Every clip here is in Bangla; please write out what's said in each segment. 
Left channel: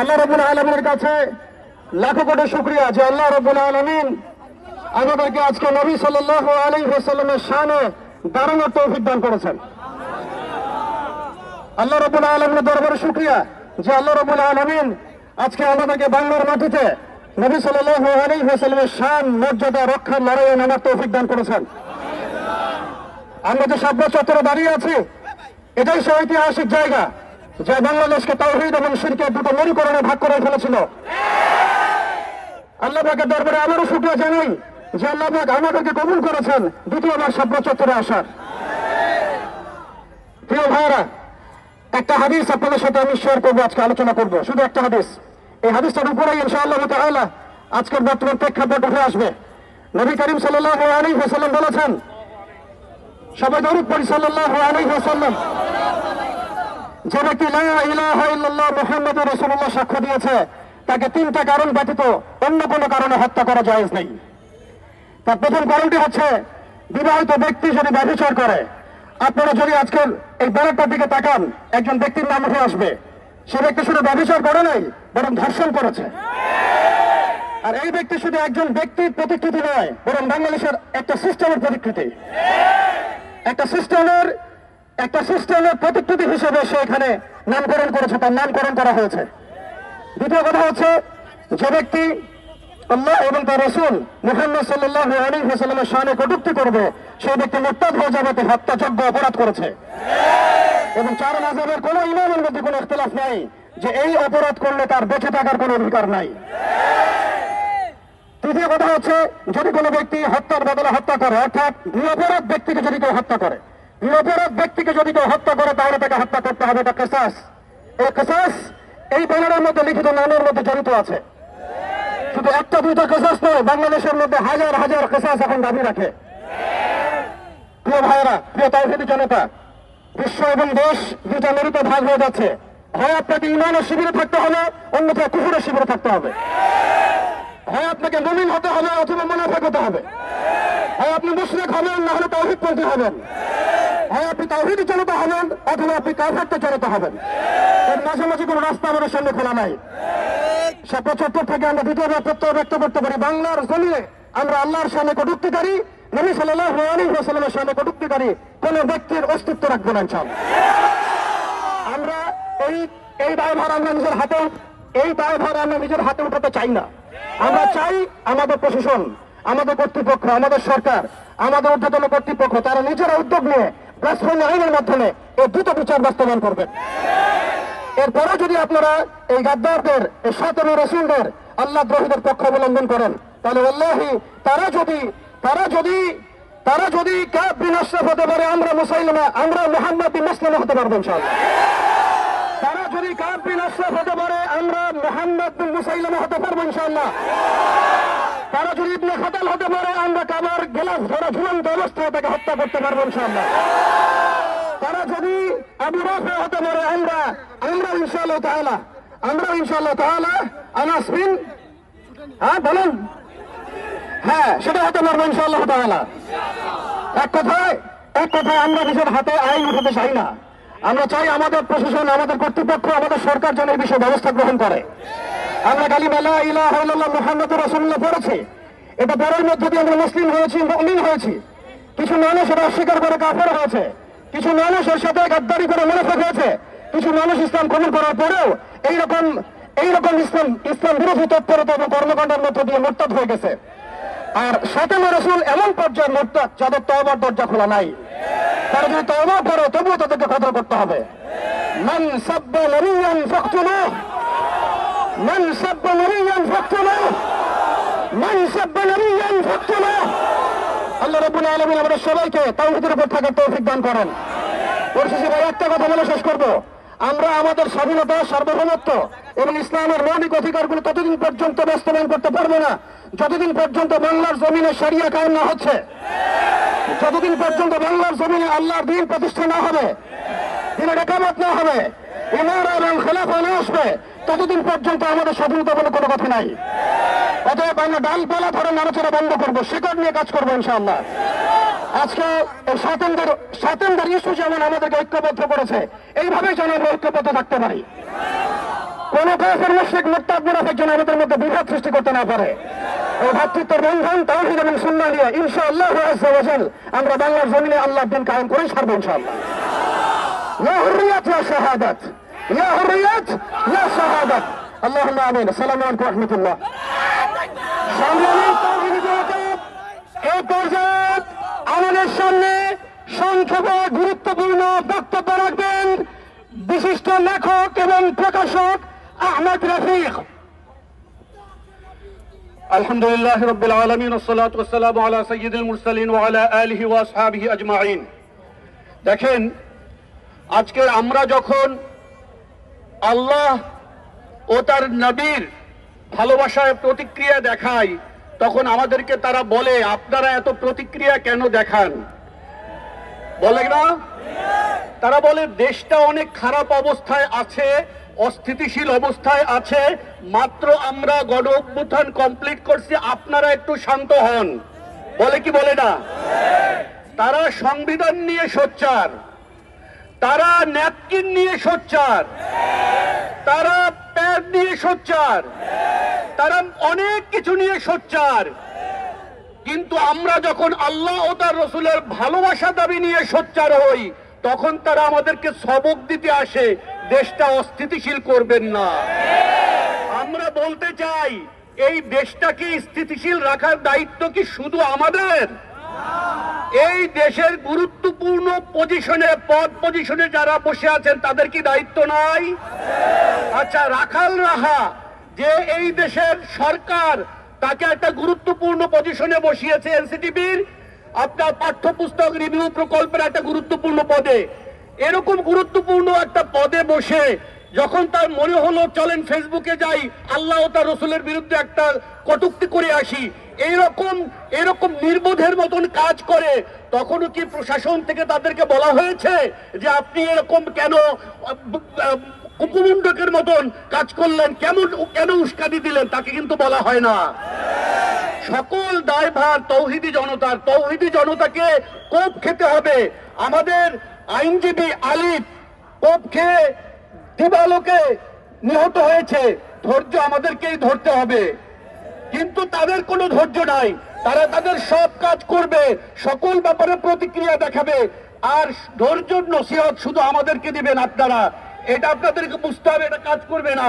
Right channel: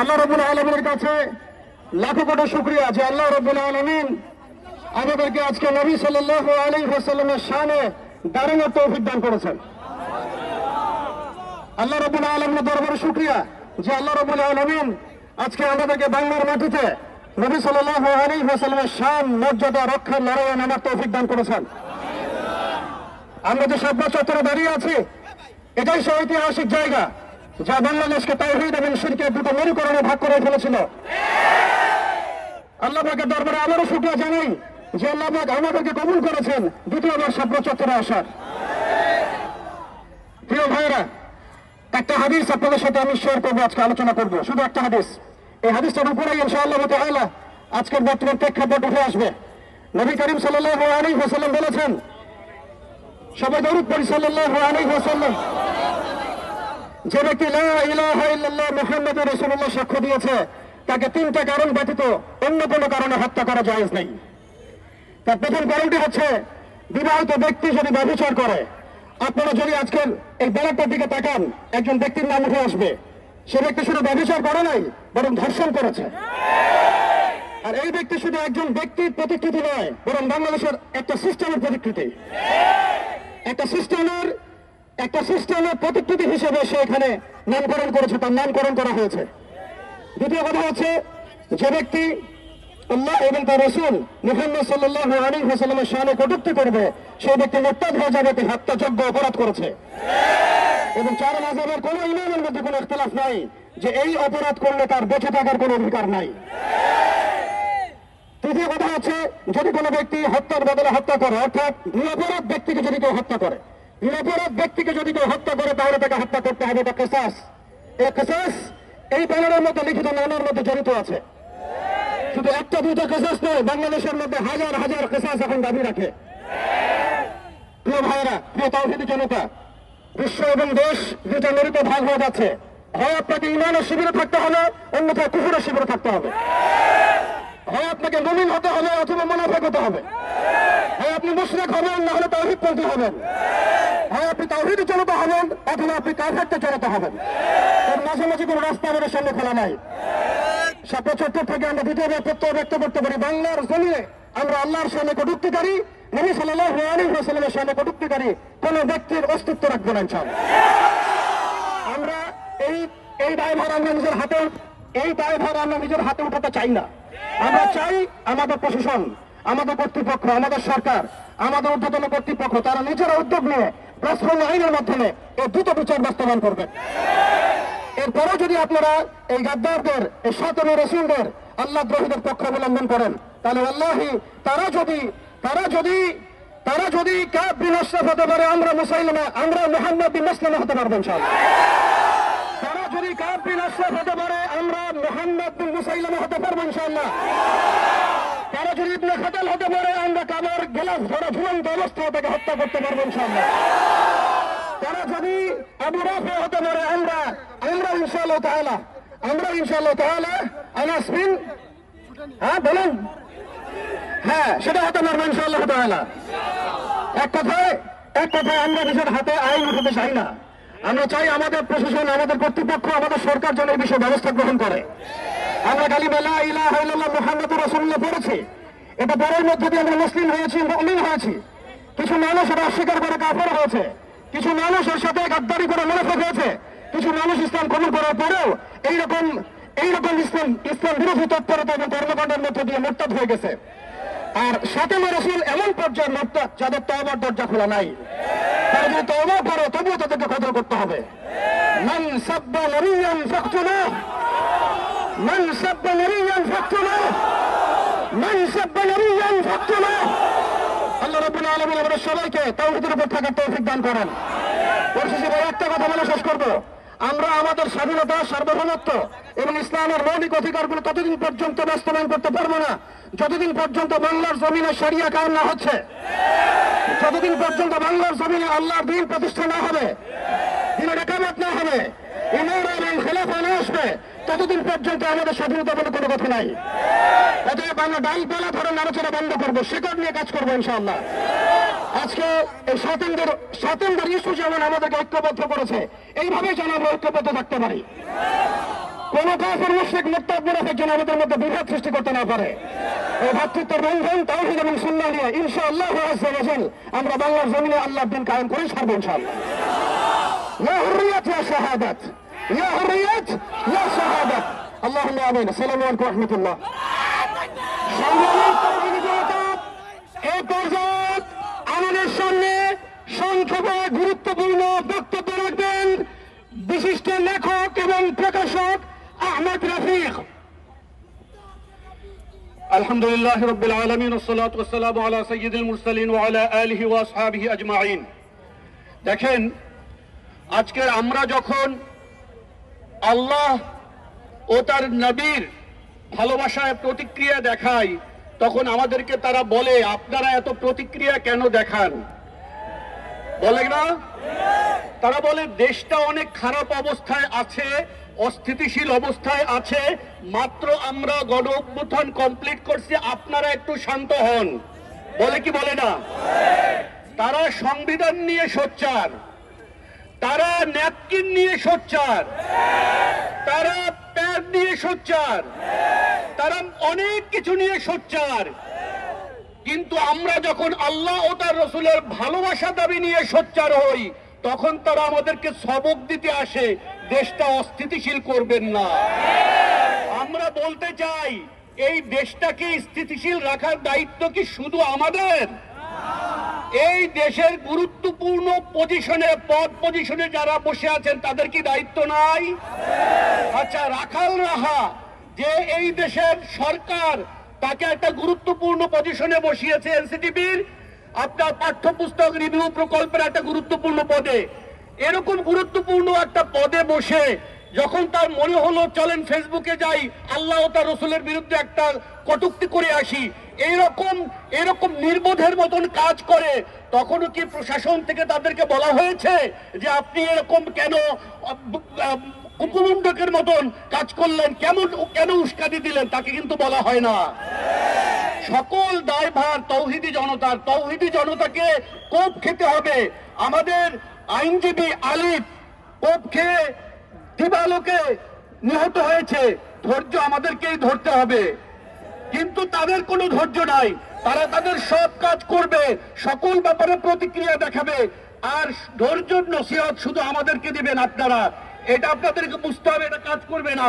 আল্লাহ রাব্বুল আলামিনের কাছে লাখো কোটি শুকরিয়া যে আল্লাহ রাব্বুল আলামিন আমাদেরকে আজকে নবী সাল্লাল্লাহু আলাইহি ওয়াসাল্লামের শানে দাঁড়ানোর তৌফিক দান করেছেন। আল্লাহ রাব্বুল আলামিনের দরবারে শুকরিয়া যে আল্লাহ রাব্বুল আলামিন আজকে আমাদেরকে বাংলার মাটিতে নবী সাল্লাল্লাহু আলাইহি ওয়াসাল্লামের শান মর্যাদা রক্ষার লড়াইয়ে নামার তৌফিক দান করেছেন। আমরা যে শাপলা চত্বরে দাঁড়িয়ে আছি, এটাই সেই ঐতিহাসিক জায়গা যা বাংলাদেশকে তাওহীদ এবং শিরকের দুটো মেরুকরণে ভাগ করে ফেলেছিল। আল্লাহ পাকের দরবারে আবারও শুকরিয়া জানাই যে আল্লাহ পাক আমাদেরকে কবুল করেছেন দ্বিতীয়বার শাপলা চত্বরে আসার। প্রিয় ভাইরা, একটা হাদিস আপনাদের সাথে আমি শেয়ার করবো, আজকে আলোচনা করবো, শুধু একটা হাদিস। এই হাদিসটার উপরেই ইনশাআল্লাহ তাআলা আজকের বর্তমান প্রেক্ষাপট উঠে আসবে। নবী করিম সাল্লাল্লাহু আলাইহি ওয়াসাল্লাম বলেছেন, সবাই দরুদ পড়ি সাল্লাল্লাহু আলাইহি ওয়াসাল্লাম, যে ব্যক্তি লা ইলাহা ইল্লাল্লাহ মুহাম্মাদুর রাসূলুল্লাহ সাক্ষ্য দিয়েছে, তাকে তিনটা কারণ ব্যতীত অন্য কোনো কারণে হত্যা করা জায়েজ নেই। তার প্রথম কারণটি হচ্ছে বিবাহিত ব্যক্তি যদি ব্যভিচার করে। আপনারা যদি আজকের এই ব্যানারটার দিকে তাকান, একজন ব্যক্তির নাম উঠে আসবে, সে ব্যক্তি শুধু ব্যভিচার করে নাই, বরং ধর্ষণ করেছে। আর এই ব্যক্তি শুধু একজন ব্যক্তির প্রতিকৃতি নয়, বরং বাংলাদেশের একটা সিস্টেমের প্রতিকৃতি, একটা সিস্টেমের প্রতিকৃতি হিসেবে সে এখানে নামকরণ করেছে, তার নামকরণ করা হয়েছে। দ্বিতীয় কথা হচ্ছে, যে ব্যক্তি আল্লাহ এবং তার রাসূল মুহাম্মদ সাল্লাল্লাহু আলাইহি ওয়াসাল্লামের শানে কটূক্তি করবে, সেই ব্যক্তি মুরতাদ হয়ে যাবে, হত্যাযোগ্য অপরাধ করেছে। এবং চার মাযহাবের কোন ইমামের মধ্যে কোনো ইখতিলাফ নাই যে এই অপরাধ করলে তার বেঁচে থাকার কোনো অধিকার নাই। তৃতীয় কথা হচ্ছে, যদি কোনো ব্যক্তি হত্যার বদলে হত্যা করে, অর্থাৎ নিরপরাধ ব্যক্তিকে যদি কেউ হত্যা করে, তাহলে তাকে হত্যা করতে হবে। এটা কিসাস। এই কিসাস এই ব্যানারের মধ্যে লিখিত নামের মধ্যে জড়িত আছে। শুধু একটা দুইটা কিসাস নয়, বাংলাদেশের মধ্যে হাজার হাজার কিসাস এখন দাবি রাখে। প্রিয় ভাইয়েরা, প্রিয় তাওহীদি জনতা, বিশ্ব এবং দেশ দুইটা মেরুতে ভাগ হয়ে যাচ্ছে। হয় আপনাকে ঈমানের শিবিরে থাকতে হবে, অন্যথায় কুফরের শিবিরে থাকতে হবে। হয় আপনাকে মুমিন হতে হবে অথবা মুনাফিক হতে হবে। হয় আপনি মুশরিক হবেন, না হলে তাওহীদপন্থী হবেন। হয় আপনি তাওহীদে চলিত হবেন অথবা আপনি কাফেরতে চলিত হবেন। এর মাঝামাঝি কোনো রাস্তা আমাদের সামনে খোলা নাই। শাপলা চত্বর থেকে আমরা দ্বিতীয়বার প্রত্যয় ব্যক্ত করতে পারি, বাংলার জমিনে আমরা আল্লাহর সামনে কটূক্তিকারী, নবী সাল্লাল্লাহু আলাইহি ওয়াসাল্লামের সামনে কটূক্তিকারী কোন ব্যক্তির অস্তিত্ব রাখবো না ইনশাআল্লাহ। আমরা এই দায়ভার আমরা নিজের হাতে উঠাতে চাই না। আমরা চাই আমাদের প্রশাসন, আমাদের কর্তৃপক্ষ, আমাদের সরকার, আমাদের ঊর্ধ্বতন কর্তৃপক্ষ তারা নিজেরা উদ্যোগ নিয়ে ব্লাসফেমি আইনের মাধ্যমে এই দ্রুত বিচার বাস্তবায়ন করবেন। এরপরে যদি আপনারা এই গাদ্দারদের, এই শায়তানের রাসূলদের, আল্লাহ দ্রোহীদের পক্ষ অবলম্বন করেন, তাহলে আল্লাহি তারা যদি কাব বিন আশরাফ হতে পারে, আমরা মুহাম্মদ বিন মাসলামা হতে পারবো ইনশাআল্লাহ। তারা যদি কাব বিন আশরাফ হতে পারে, আমরা মুহাম্মদ বিন মুসাইলামা হতে পারবো ইনশাআল্লাহ। তারা যদি ইবনে খাতাল হতে পারে, আমরা কাবার গেলাস ধরা ঝুলন্ত অবস্থায় তাকে হত্যা করতে পারবো ইনশাআল্লাহ। তারা যদি আবু রাফি হতে পারে, আমরা ইনশাআল্লাহ তাআলা আনাস বিন বলুন, হ্যাঁ, সেটা হতে পারবো ইনশাআল্লাহ তাআলা। এক কথায় আমরা নিজের হাতে আইন উঠাতে চাই না। আমরা চাই আমাদের প্রশাসন, আমাদের কর্তৃপক্ষ, আমাদের সরকার যেন এই বিষয়ে ব্যবস্থা গ্রহণ করে। আমরা কালিমা লা ইলাহা ইল্লাল্লাহ মুহাম্মাদুর রাসূলুল্লাহ পড়েছি, এটা পড়ার মধ্যে দিয়ে আমরা মুসলিম হয়েছি, মুমিন হয়েছি। কিছু মানুষ এটা অস্বীকার করে কাফের হয়েছে, কিছু মানুষ এর সাথে গাদ্দারি করে মুনাফিক হয়েছে, কিছু মানুষ ইসলাম কবুল করার পরেও এইরকম ইসলাম বিরোধী তৎপরতা এবং কর্মকাণ্ডের মধ্য দিয়ে মুরতাদ হয়ে গেছে। আর শায়তান রাসূল এমন পর্যায়ে মুরতাদ যাদের তওবার দরজা খোলা নাই। তারা যদি তওবা করে তবুও তাদেরকে কতল করতে হবে। মান সাব্বা নাবিয়্যান ফাকতুলুহু, মান সাব্বা নাবিয়্যান ফাকতুলুহু, মান সাব্বা নাবিয়্যান ফাকতুলুহু। আল্লাহ রাব্বুল আলামিন আমাদের সবাইকে তাওহীদের উপর থাকার তৌফিক দান করেন। পরিশেষে ভাই একটা কথা বলে শেষ করব, আমরা আমাদের স্বাধীনতা, সার্বভৌমত্ব এবং ইসলামের মৌলিক অধিকারগুলো ততদিন পর্যন্ত বাস্তবায়ন করতে পারবো না যতদিন পর্যন্ত বাংলার জমিনে শরিয়া কায়েম না হচ্ছে, যতদিন পর্যন্ত বাংলার জমিনে আল্লাহর দ্বীন প্রতিষ্ঠা না হবে, দ্বীনের একামত না হবে, ইমারা এবং খেলাফা না আসবে, ততদিন পর্যন্ত আমাদের স্বাধীনতা বলে কোনো কথা নাই। অতএব আমরা ডালপালা ধরে নাড়াচাড়া বন্ধ করবো, শিকড় নিয়ে কাজ করবো ইনশাআল্লাহ। আজকে এই স্বাতন্ত্র ইস্যু যেমন আমাদেরকে ঐক্যবদ্ধ করেছে, এইভাবে যেন আমরা ঐক্যবদ্ধ থাকতে পারি। কোন কাফের মুশরিক মুরতাদ মুনাফিক যেন আমাদের মধ্যে বিভেদ সৃষ্টি করতে না পারে। এই ভ্রাতৃত্বের বন্ধন তাওহীদ এবং সুন্নাহ নিয়ে ইনশাআল্লাহ আযজা ওয়া জাল আমরা বাংলার জমিনে আল্লাহর দিন কায়েম করে ছাড়বো ইনশাআল্লাহ। লা হুররিয়াত লা শাহাদাত, লা হুররিয়াত লা শাহাদাত। আল্লাহুম্মা আমিন। আসসালামু আলাইকুম ওয়া রাহমাতুল্লাহ। এই পর্যায়ে আমাদের সামনে সংক্ষেপে গুরুত্বপূর্ণ বক্তব্য রাখবেন বিশিষ্ট লেখক এবং প্রকাশক আহমদ রফিক। আলহামদুলিল্লাহ রাব্বিল আলামিন ওয়াসসালাতু ওয়াসসালামু আলা সাইয়্যিদিল মুরসালিন ওয়া আলা আলিহি ওয়া আসহাবিহি আজমাইন। দেখেন, আজকে আমরা যখন আল্লাহ ও তার নবীর ভালোবাসার প্রতিক্রিয়া দেখাই, তখন আমাদেরকে তারা বলে আপনারা এত প্রতিক্রিয়া কেন দেখান? বলে না? তারা বলে দেশটা অনেক খারাপ অবস্থায় আছে, অস্থিতিশীল অবস্থায় আছে, মাত্র আমরা গণ অভ্যুত্থান কমপ্লিট করছি, আপনারা একটু শান্ত হন। বলে কি বলে না? তারা সংবিধান নিয়ে সোচ্চার, তারা ন্যাপকিন নিয়ে সোচ্চার, তারা প্যাড নিয়ে সোচ্চার, তারা অনেক কিছু নিয়ে সোচ্চার। কিন্তু আমরা যখন আল্লাহ ও তার রসুলের ভালোবাসা দাবি নিয়ে সোচ্চার হই, তখন তারা আমাদেরকে সবক দিতে আসে, দেশটা অস্থিতিশীল করবেন না। আমরা বলতে চাই, এই দেশটাকে স্থিতিশীল রাখার দায়িত্ব কি শুধু আমাদের? এই দেশের গুরুত্বপূর্ণ পজিশনে যারা বসে আছেন তাদের কি দায়িত্ব নাই? আচ্ছা, রাখাল রাহা যে এই দেশের সরকার তাকে একটা গুরুত্বপূর্ণ পজিশনে বসিয়েছে, এনসিটিবির আপনার পাঠ্যপুস্তক রিভিউ প্রকল্পের একটা গুরুত্বপূর্ণ পদে, এরকম গুরুত্বপূর্ণ একটা পদে বসে যখন তার মনে হলো চলেন ফেসবুকে যাই, আল্লাহ ও তার রসুলের বিরুদ্ধে একটা কটূক্তি করে আসি, এরকম নির্বোধের মতন কাজ করে, তখনও কি প্রশাসন থেকে তাদেরকে বলা হয়েছে যে আপনি এরকম কেন উপমণ্ডকের মতন কাজ করলেন, কেন উস্কানি দিলেন? তাকে কিন্তু বলা হয় না। সকল দায়ভার তৌহিদি জনতার। তৌহিদি জনতাকে কোপ খেতে হবে। আমাদের আইনজীবী আলিফ কোপ খেয়ে দিবালোকে নিহত হয়েছে, ধৈর্য আমাদেরকেই ধরতে হবে। কিন্তু তাদের কোনো ধৈর্য নাই, তারা তাদের সব কাজ করবে, সকল ব্যাপারে প্রতিক্রিয়া দেখাবে, আর ধৈর্য নসিহত শুধু আমাদেরকে দিবেন আপনারা। এটা আপনাদেরকে বুঝতে হবে, এটা কাজ করবে না।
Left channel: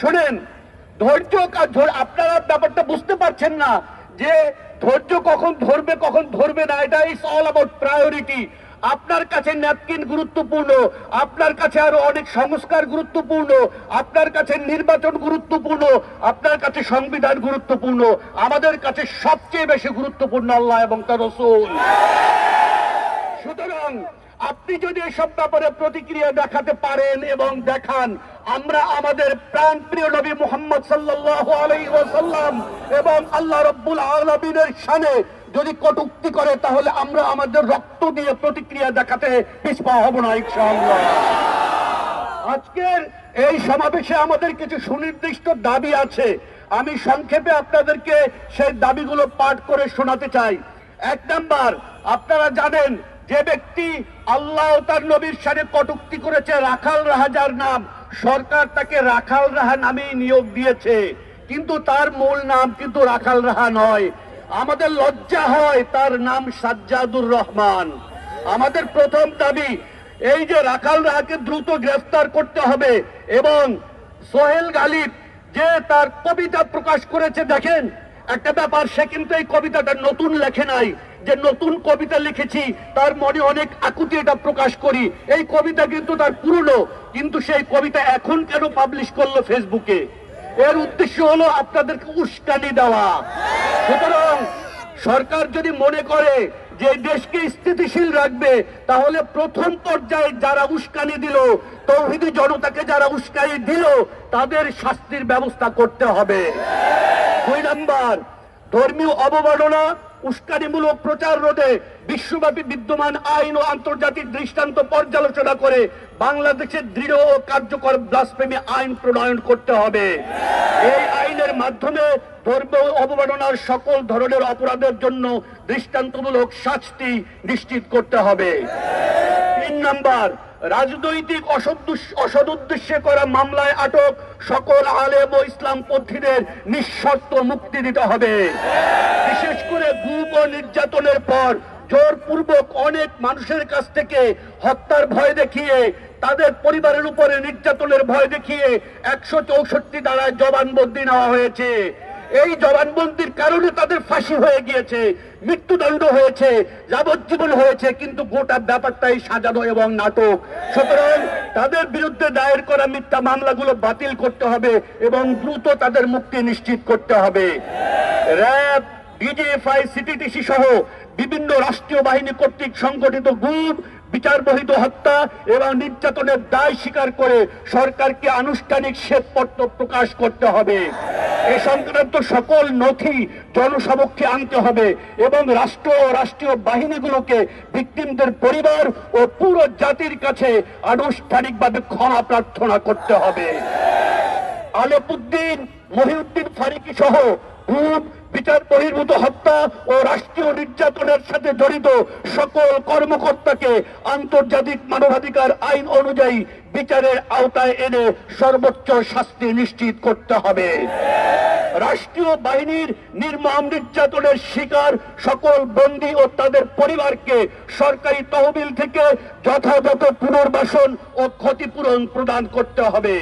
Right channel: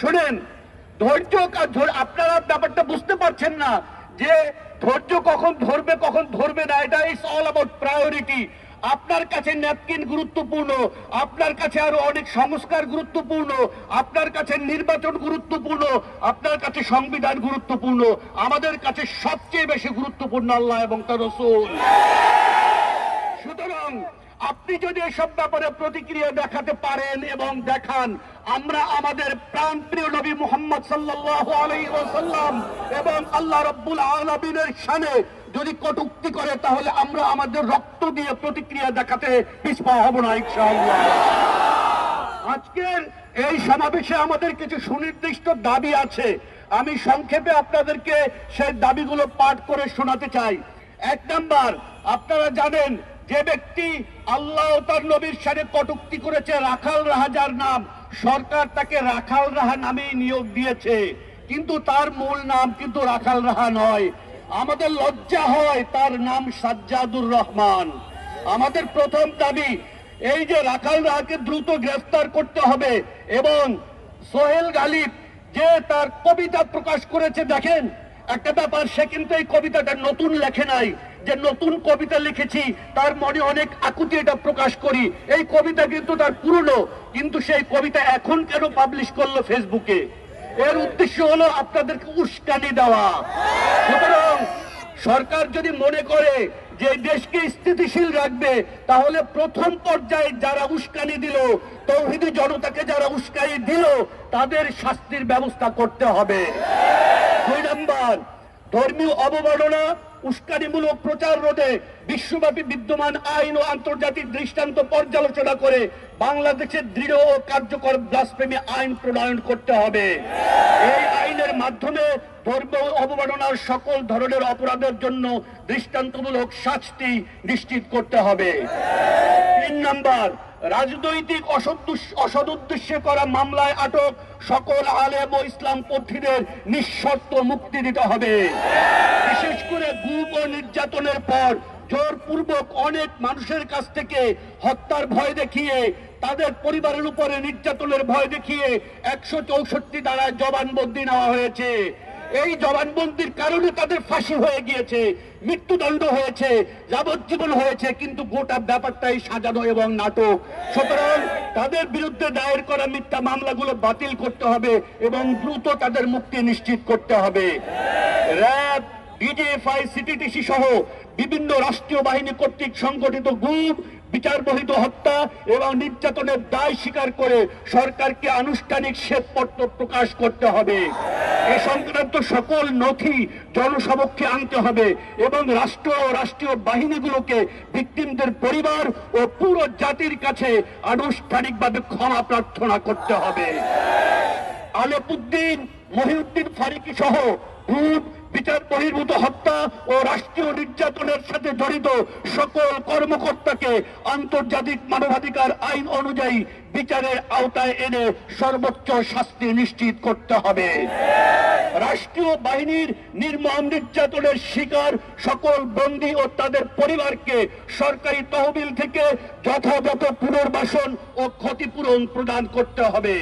শোনেন, ধৈর্য আপনারা ব্যাপারটা বুঝতে পারছেন না যে ধৈর্য কখন ধরবে না। এটা ইজ অল অ্যাবাউট প্রায়োরিটি। আপনার কাছে ন্যাপকিন গুরুত্বপূর্ণ, আপনার কাছে আরো অনেক সংস্কার গুরুত্বপূর্ণ, আপনার কাছে নির্বাচন গুরুত্বপূর্ণ, আপনার কাছে সংবিধান গুরুত্বপূর্ণ, আমাদের কাছে সবচেয়ে বেশি গুরুত্বপূর্ণ আল্লাহ এবং তার রাসূল। সুতরাং আপনি যদি এসব ব্যাপারে প্রতিক্রিয়া দেখাতে পারেন এবং দেখান, আমরা আমাদের প্রাণপ্রিয় নবী মুহাম্মদ সাল্লাল্লাহু আলাইহি ওয়াসাল্লাম এবং আল্লাহ রাব্বুল আলামিনের শানে যদি কটূক্তি করে, তাহলে আমরা আমাদের রক্ত দিয়ে প্রতিক্রিয়া দেখাতে পিছপা হব না ইনশাআল্লাহ। আজকের এই সমাবেশে আমাদের কিছু সুনির্দিষ্ট দাবি আছে, আমি সংক্ষেপে আপনাদেরকে সেই দাবিগুলো পাঠ করে শোনাতে চাই। 1 নাম্বার, আপনারা জানেন যে ব্যক্তি আল্লাহ ও তার নবীর শানে কটূক্তি করেছে, রাখাল রাহা যার নাম, সরকার তাকে রাখাল রাহা নামেই নিয়োগ দিয়েছে, কিন্তু তার মূল নাম কিন্তু রাখাল রাহা নয়। আমাদের লজ্জা হয়, তার নাম সাজ্জাদুর রহমান। আমাদের প্রথম দাবি এই যে রাখাল রাহাকে দ্রুত গ্রেফতার করতে হবে, এবং সোহেল গালিব যে তার কবিতা প্রকাশ করেছে, দেখেন একটা ব্যাপার, সে কিন্তু এই কবিতাটা নতুন লেখে নাই, যে নতুন কবিতা লিখেছি তার মনে অনেক আকুতি এটা প্রকাশ করি, এই কবিতা কিন্তু তার পুরনো, কিন্তু সেই কবিতা এখন কেন পাবলিশ করলো ফেসবুকে? এর উদ্দেশ্য হলো আপনাদেরকে উস্কানি দেওয়া। সুতরাং সরকার যদি মনে করে যে দেশকে স্থিতিশীল রাখবে, তাহলে প্রথম পর্যায়ে যারা উস্কানি দিল, তৌহিদি জনতাকে যারা উস্কানি দিল, তাদের শাস্তির ব্যবস্থা করতে হবে। 2 নাম্বার, ধর্মীয় অবমাননা উস্কানিমূলক প্রচার রোধে বিশ্বব্যাপী বিদ্যমান আইন ও আন্তর্জাতিক দৃষ্টান্ত পর্যালোচনা করে বাংলাদেশের দৃঢ় ও কার্যকর ব্লাসফেমি আইন প্রণয়ন করতে হবে। এই আইনের মাধ্যমে ধর্মীয় অবমাননার সকল ধরনের অপরাধের জন্য দৃষ্টান্তমূলক শাস্তি নিশ্চিত করতে হবে। 3 নাম্বার, রাজনৈতিক অসদুদ্দেশ্যে করা মামলায় আটক সকল আলেম ও ইসলামপন্থীদের নিঃশর্ত মুক্তি দিতে হবে। বিশেষ করে গুম ও নির্যাতনের পর জোরপূর্বক অনেক মানুষের কাছ থেকে হত্যার ভয় দেখিয়ে, তাদের পরিবারের উপরে নির্যাতনের ভয় দেখিয়ে 164 ধারায় জবানবন্দি নেওয়া হয়েছে। এই জবানবন্দির কারণে তাদের ফাঁসি হয়ে গিয়েছে, মৃত্যুদণ্ড হয়েছে, যাবজ্জীবন হয়েছে, কিন্তু গোটা ব্যাপারটাই সাজানো এবং নাটক। সুতরাং তাদের বিরুদ্ধে দায়ের করা মিথ্যা মামলাগুলো বাতিল করতে হবে এবং দ্রুত তাদের মুক্তি নিশ্চিত করতে হবে। র্যাব, ডিজিএফআই, সিটিটিসি সহ বিভিন্ন রাষ্ট্রীয় বাহিনী কর্তৃক সংগঠিত গুম, বিচার বহির্ভূত হত্যা এবং নির্যাতনের দায় স্বীকার করে সরকারকে আনুষ্ঠানিক শ্বেতপত্র প্রকাশ করতে হবে। এ সংক্রান্ত সকল নথি জনসমক্ষে আনতে হবে এবং রাষ্ট্র ও রাষ্ট্রীয় বাহিনীগুলোকে ভিকটিমদের পরিবার ও পুরো জাতির কাছে আনুষ্ঠানিকভাবে ক্ষমা প্রার্থনা করতে হবে। আলেপুদ্দিন, মহিউদ্দিন ফারুকী সহ গুম, বিচার বহির্ভূত হত্যা ও রাষ্ট্রীয় নির্যাতনের সাথে জড়িত সকল কর্মকর্তাকে আন্তর্জাতিক মানবাধিকার আইন অনুযায়ী বিচারের আওতায় এনে সর্বোচ্চ শাস্তি নিশ্চিত করতে হবে। রাষ্ট্রীয় বাহিনীর নির্মম নির্যাতনের শিকার সকল বন্দী ও তাদের পরিবারকে সরকারি তহবিল থেকে যথাযথ পুনর্বাসন ও ক্ষতিপূরণ প্রদান করতে হবে।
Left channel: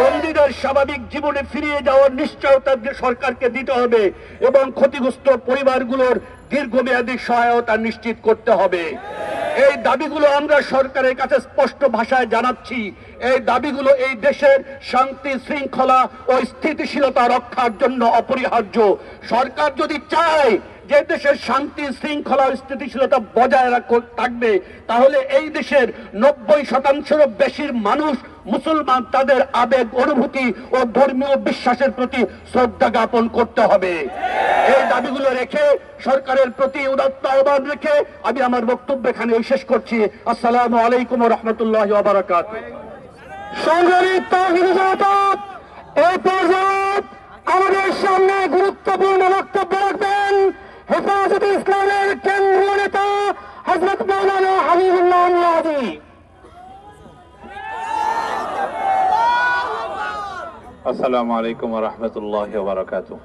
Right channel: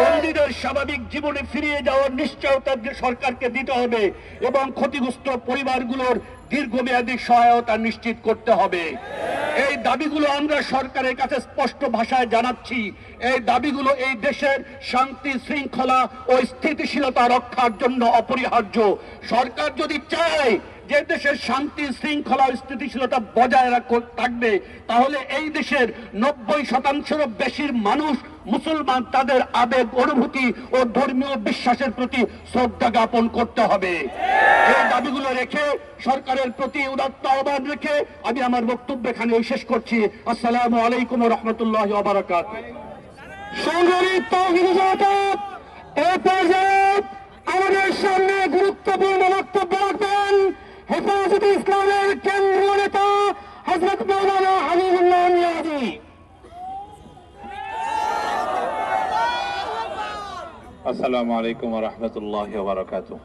বন্দীদের স্বাভাবিক জীবনে ফিরিয়ে যাওয়ার নিশ্চয়তা সরকারকে দিতে হবে এবং ক্ষতিগ্রস্ত পরিবারগুলোর দীর্ঘমেয়াদী সহায়তা নিশ্চিত করতে হবে। এই দাবিগুলো আমরা সরকারের কাছে স্পষ্ট ভাষায় জানাচ্ছি। এই দাবিগুলো এই দেশের শান্তি, শৃঙ্খলা ও স্থিতিশীলতা রক্ষার জন্য অপরিহার্য। সরকার যদি চায় যে দেশের শান্তি, শৃঙ্খলা ও স্থিতিশীলতা বজায় থাকবে, তাহলে এই দেশের 90% বেশির মানুষ মুসলমান, তাদের আবেগ, অনুভূতি ও ধর্মীয় বিশ্বাসের প্রতি শ্রদ্ধা জ্ঞাপন করতে হবে। এই দাবিগুলো রেখে, সরকারের প্রতি উদাত্ত আহ্বান রেখে আমি আমার বক্তব্য এখানে শেষ করছি। আসসালামু আলাইকুম ওয়া রাহমাতুল্লাহি ওয়া বারাকাতুহু। সংগ্রামী তাওহীদি জনতা, এই পর্যায়ে আমাদের সামনে গুরুত্বপূর্ণ বক্তব্য রাখবেন হেফাজতে ইসলামের কেন্দ্রীয় নেতা হযরত মাওলানা হাবিবুল্লাহ নিয়াজি। আসসালামু আলাইকুম ওয়া রাহমাতুল্লাহি ওয়া বারাকাতুহু।